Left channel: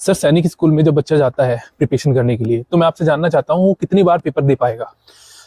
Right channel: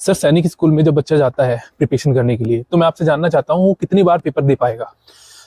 Sir सैनिक school में जब बच्चा जाता है प्रिपरेशन करने के लिए, तो मैं आपसे जानना चाहता हूँ वो कितनी बार पेपर दे पाएगा?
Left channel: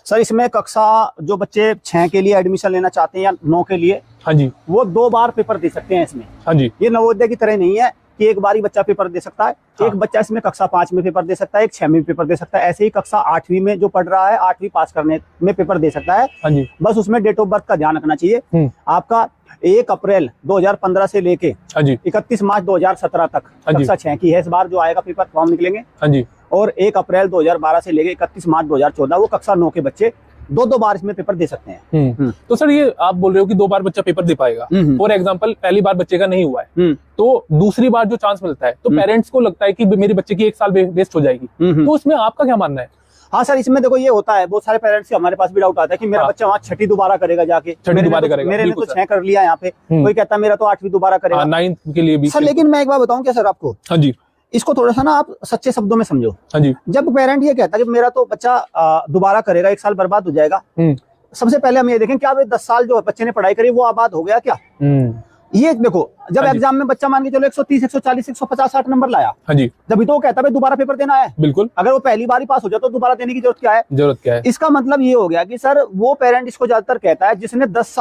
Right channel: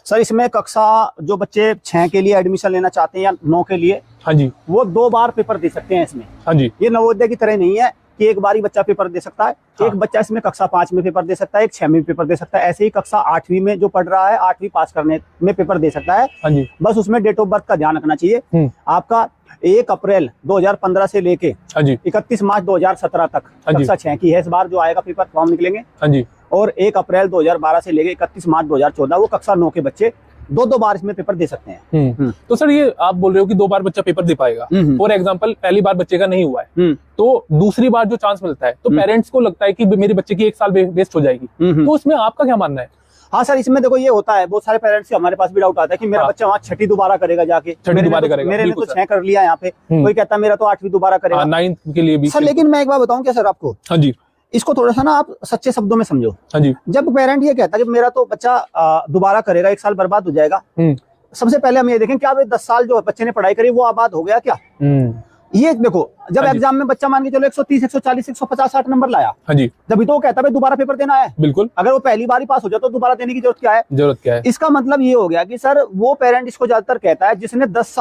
सर इसमें कक्षा जो बच्चे 6 के लिए एडमिशन लेना चाहते हैं या 9 के लिए, हाँ जी, वो 2 बार पेपर दे सकते हैं इसमें। हाँ जी, ये नवोदय की तरह नहीं है कि एक बार ही बच्चा पेपर दे सकता है। हाँ। एक बच्चा इसमें कक्षा 5 में पेपर दे सकता है, एक 6 में पेपर दे सकता है। ऐसे ही कक्षा 8वीं में जो पढ़ रहा है 8वीं पास करने में पेपर दे सकता है। हाँ जी, बस उसमें डेट ऑफ बर्थ का ध्यान रखना चाहिए। आपका 1 अप्रैल 2015 से लेके हाँ जी, 31 मार्च 2017 तक हाँ जी। कक्षा 6 की है। इस बार जो आएगा पेपर फॉर्म निकलेंगे। हाँ जी। और 1 अप्रैल 2012 से लेके 31 मार्च 2014 वो कक्षा 9 के बच्चे 2 बार इसमें पेपर दे सकते हैं। तो सर ये आप बोल रहे हो कि 2 बार बच्चा पेपर दे पाएगा, फॉर एग्जाम्पल पहली बार बच्चे का नहीं हुआ है, तो दूसरी बार जो चांस मिलता है तो पेरेंट्स को लगता है कि मेरे बच्चे की 1 साल वेस्ट हो जाएगी, तो उसमें आपका क्या मानना है? हाँ सर, इसमें देखो ये होता है, बहुत सारे पेरेंट्स के हमारे पास भी डाउट आता है कि मेरा बच्चा वहाँ 6ठी दोबारा करेगा जाके, मेरे ने तो 6 कर लिया यहाँ पे, कोई कहता है मेरा तो 8वीं दोबारा करेगा, 9th के लिए भी। सर लेकिन मैं एक बार बताऊं क्या सर आपको? हाँ जी, इसको थोड़ा सा ना आप सच्चे शब्दों में समझो। हाँ जी, जब पेरेंट ये कहता है कि मेरा तो बच्चा दोबारा करेगा, 1 साल बर्बाद हो जाएगा, सबसे पहले हम ये देखें क्या 10 साल जो बच्चे ने पढ़ाई करी वो आबाद हो गया क्या? ये देखो, जब एग्जाम में बच्चा मान के चलो 130, 140, 150, 60 नंबर लाया, हाँ जी, जब तो वो कहता है दोबारा पेपर देना है। बिल्कुल, अगर वो पहली बार ही पास हो जाए तो दोबारा देने की जरूरत क्या है? इसका मतलब ये हो गया कि सर वो पेरेंट इसको ज्यादातर कहता है जिसने 10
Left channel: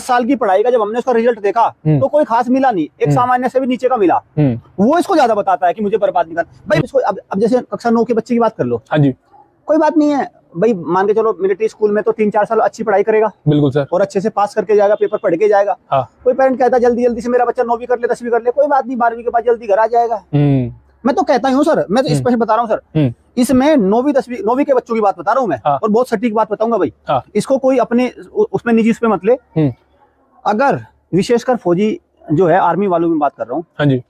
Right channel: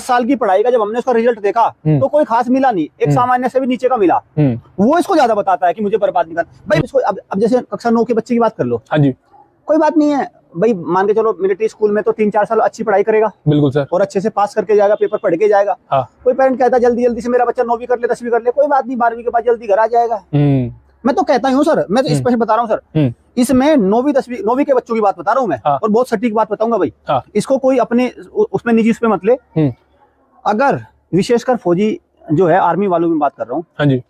साल की पढ़ाई का जब हमने उसका रिजल्ट देखा तो कोई खास मिला नहीं, एक सामान्य से भी नीचे का मिला, वो इसको ज्यादा बताता है कि मुझे बर्बाद नहीं करना भाई। इसको अब जैसे कक्षा 9 के बच्चे की बात कर लो, हाँ जी, कोई बात नहीं है भाई, मान के चलो मिलिट्री स्कूल में तो 3-4 साल अच्छी पढ़ाई करेगा, बिल्कुल सर, और अच्छे से पास करके जाएगा, पेपर पढ़ के जाएगा। हाँ। कोई पेरेंट कहता है जल्दी से मेरा बच्चा 9वीं कर ले, 10वीं कर ले, कोई बात नहीं, 12वीं के बाद जल्दी घर आ जाएगा। मैं तो कहता हूँ सर, मैं तो स्पष्ट बता रहा हूँ सर, इसमें 9वीं 10वीं 9वीं के बच्चों की बात बता रहा हूँ मैं, और बहुत सटीक बात बताऊंगा भाई। इसको कोई अपनी उसमें निजी उसमें मत ले। अगर विशेषकर फौजी जो है आर्मी वालों में बात कर रहा हूँ, हाँ जी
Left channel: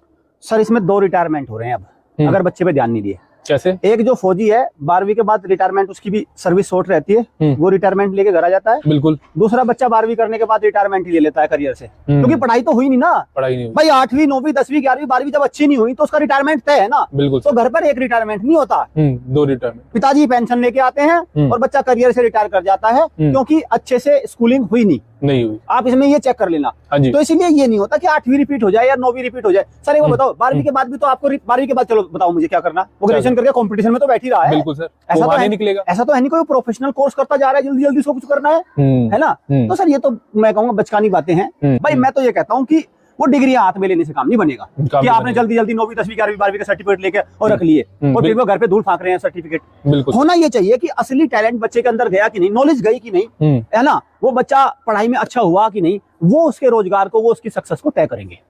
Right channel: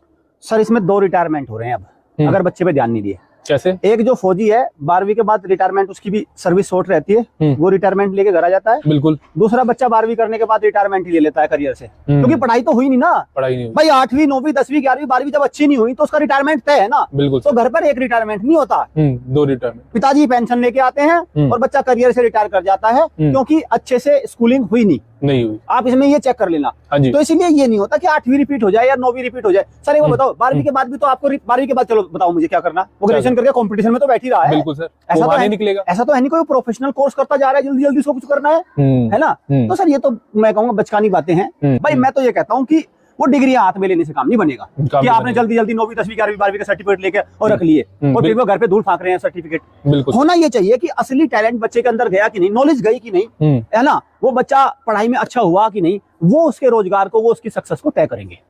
सर, इसमें 2 रिटायरमेंट हो रहे हैं अब, अगर बच्चे पे ध्यान नहीं दिए। कैसे? एक जो फौजी है 12वीं के बाद रिटायरमेंट, उसकी भी सर्विस शॉर्ट रहती है, वो रिटायरमेंट लेके घर आ जाता है। बिल्कुल। दूसरा बच्चा 12वीं करने के बाद रिटायरमेंट ले लेता है करियर से, क्योंकि पढ़ाई तो हुई नहीं ना, पढ़ाई नहीं हुई भाई 8वीं 9वीं 10वीं 11वीं 12वीं जब अच्छी नहीं हुई तो उसका रिटायरमेंट तय है ना। बिल्कुल। तो घर पर एक रिटायरमेंट नहीं होता, 2 रिटायरमेंट। पिताजी पेंशन लेके आते हैं और बच्चा करियर से रिटायर कर जाता है, क्योंकि अच्छे से स्कूलिंग हुई नहीं हुई। आप इसमें ये चेक कर लेना। तो इसीलिए ये नहीं होता कि 8वीं रिपीट हो जाए या 9वीं रिपीट हो जाए। सर ये बताओ 12वीं के बाद भी तो आपको 12वीं के बाद चलो बताओ मुझे क्या करना, वो ग्रेजुएशन करके कंपटीशन में तो बैठ ही रहा है। बिल्कुल सर, ऐसा तो निकलेगा, ऐसा तो है नहीं कोई प्रोफेशनल कोर्स करता जा रहा है, जल्दी उसको कुछ करना है ना। तो सर ये तो मैं कहूँगा बचकानी बातें हैं भाई। मैं तो ये कहता हूँ कि वो डिग्रियां हाथ में लेने से काम नहीं बनेगा कि आपने जल्दी 9वीं 10वीं 11वीं 12वीं का सर्टिफिकेट लेके और रख लिए, तो घर पे धूल फांक रहे हैं सर्टिफिकेट। होना ये चाहिए कि असली टैलेंट बच्चे के अंदर गया कि नहीं, नॉलेज गई कि नहीं, है ना, वो बच्चा पढ़ाई में अच्छा हुआ कि नहीं, वो उसके रोजगार को, वो उसकी सक्सेस को तय करेंगे।